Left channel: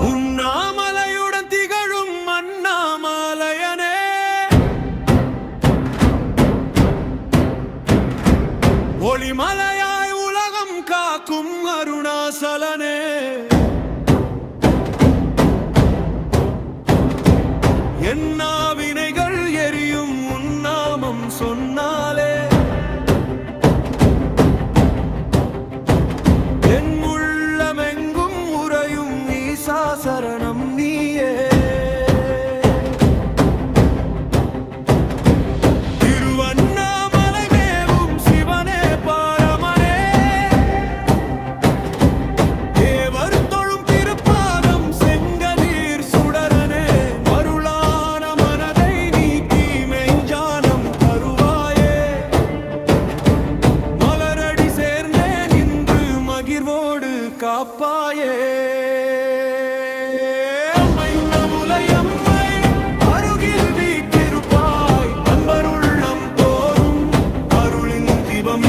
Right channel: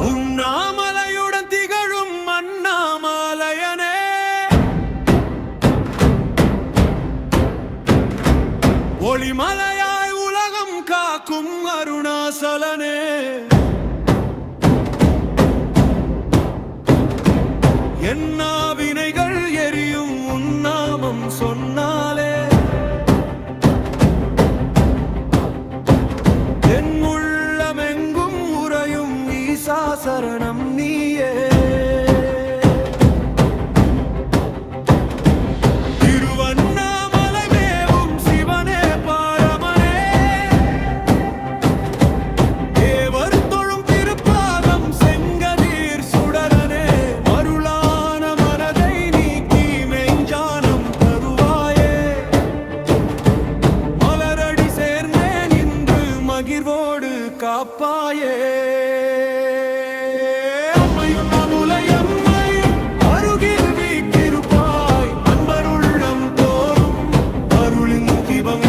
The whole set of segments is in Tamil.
உண்ணாமலையுடன் திகழும் அண்ணாமலையனே, ஒளிமலையாய் உலகம் காக்கும் அருணாசலனே, என்னா வினைகள் எரியும் உன்னாமம் சொன்னாலே, என் உள்ளமெங்கும் உறையும் ஈசா சரணம் நீயே. திருவண்ணாமலை மேவும் சிவனே பாரமனே, தேவர் தொழும் திருப்பாதம் செங்கதிர் சுடரனே, மருளான மனதை நீக்கி மெஞ்ஞானம் தருவாயே, மலரடி சேர்ந்தே நின்று மகிழ்வோடு காப்பாயே.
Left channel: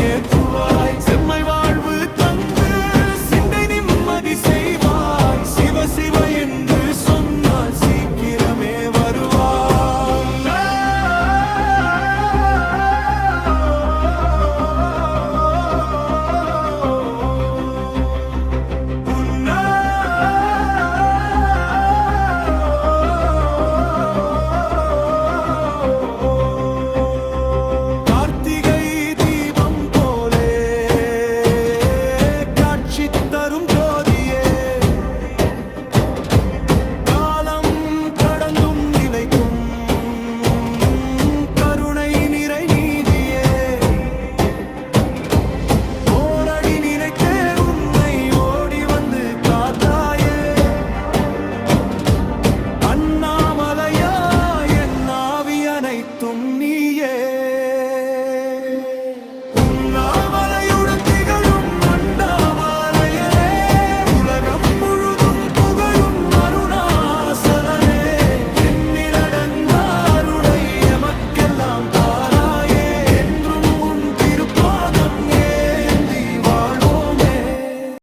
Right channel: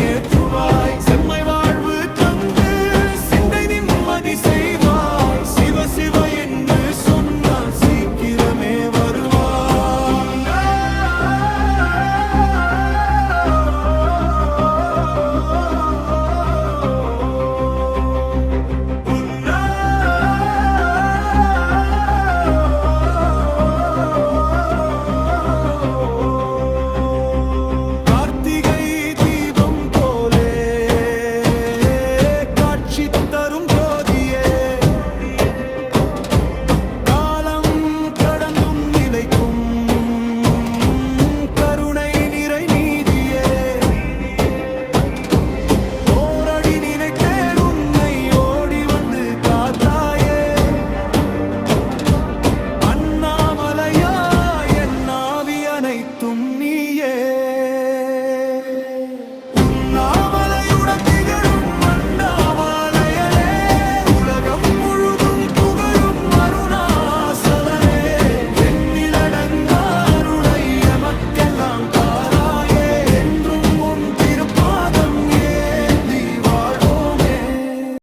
ஏற்றுவாய் செம்மை வாழ்வு தந்து சிந்தை நிம்மதி செய்வாய், சிவ சிவ என்று சொன்னால் சீக்கிரமே வருவாய். தரும் ஜோதியே, காலம் கடந்தும் நிலைக்கும் கருணை நிறை நீதியே, ஓரடி நினைத்தேன் உன்னை ஓடி வந்து காத்தாயே, அண்ணாமலையா என் ஆவி அனைத்தும்